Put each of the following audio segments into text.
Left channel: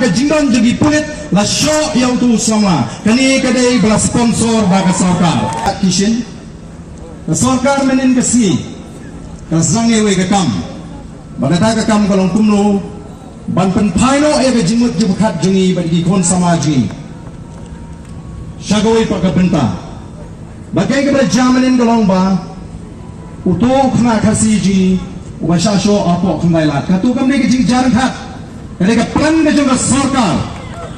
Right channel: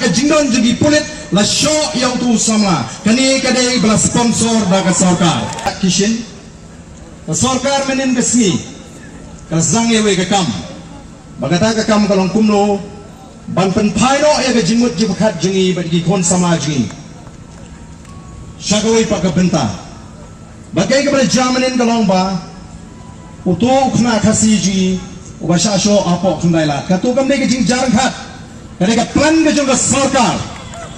ke jindon juga pulit la show yang tu sama kani kadai bela sponsor baka sarkar kishin sarkar menin kesni kazange we gekam bagata gekam kalong kumlo ban pen phaino e ke jimut jibkhat jingi bagi kon sama jingi shagoi pak benta bagai ke jamanin kalong ba utuk na khasi ji washa show apa kundai la katu kam ne ke jing jarang khat kani ka plan ke juga sarkar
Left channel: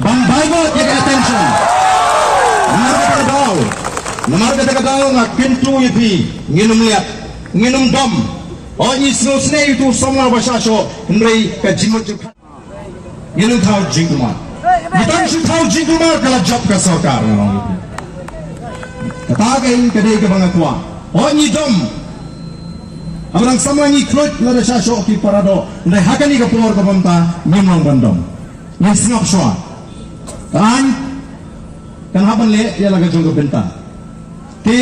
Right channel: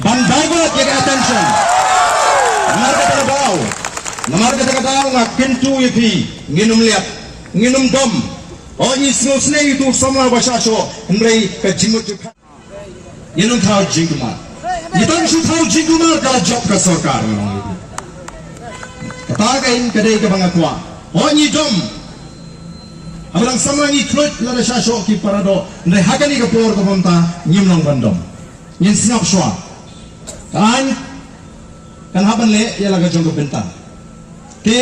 ban baigot ke attention Namar kata ngak kentu ipi nginum liat nginum dom oh isno snei itu samla basasho hendrai ka jimut jukhat nginum thau jingkumar nitang shi thau jingkumar kala job ka sarkar kata kain kadai ka bangakwa oh ni dom abrang samla ni kloit la basasho ki parado hendrai hakani ka pulor ka bamta ngimong bandom nin snap shwa kan haban le ya laga jong benta ke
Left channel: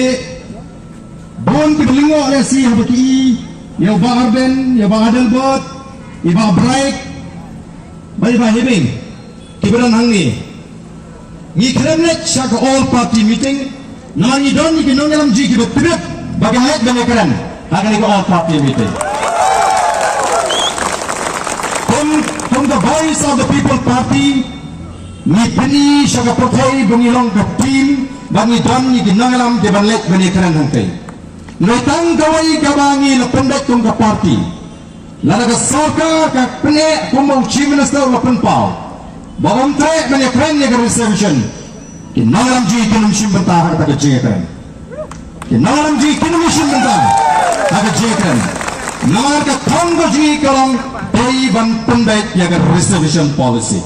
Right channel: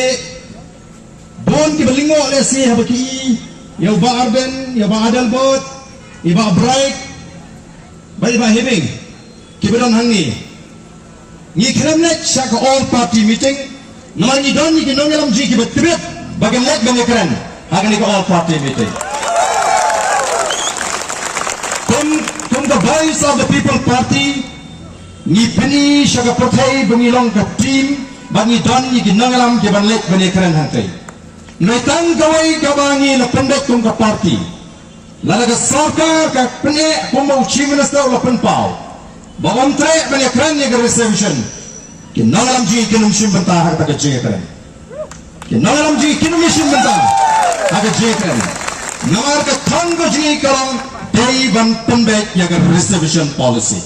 bon ki belingo le si habaki ya ba arben ya ba adalbot iba bright bai ba hebing ki beran hangi ni kremlet shaka all party meeting namani don ni non yalam ji ki betibet bagaimana bangakran akan ke all party meeting from the voice of the people party ni peni shaka prothai bungilong ka team bagi don ni ginangalam ke banlek bani kran hantai noitang gawai gabangi la pendek tung ka party lalaga sarkar ka pene kuma chief minister la penpau bawam tre bani kran ni reception ginangalam ji kinum sim bentah ka ka je kran ginangalam ji kinum sim bentah ka je kran namar ka thong ji kalong dari ban pendek ya ka reception policy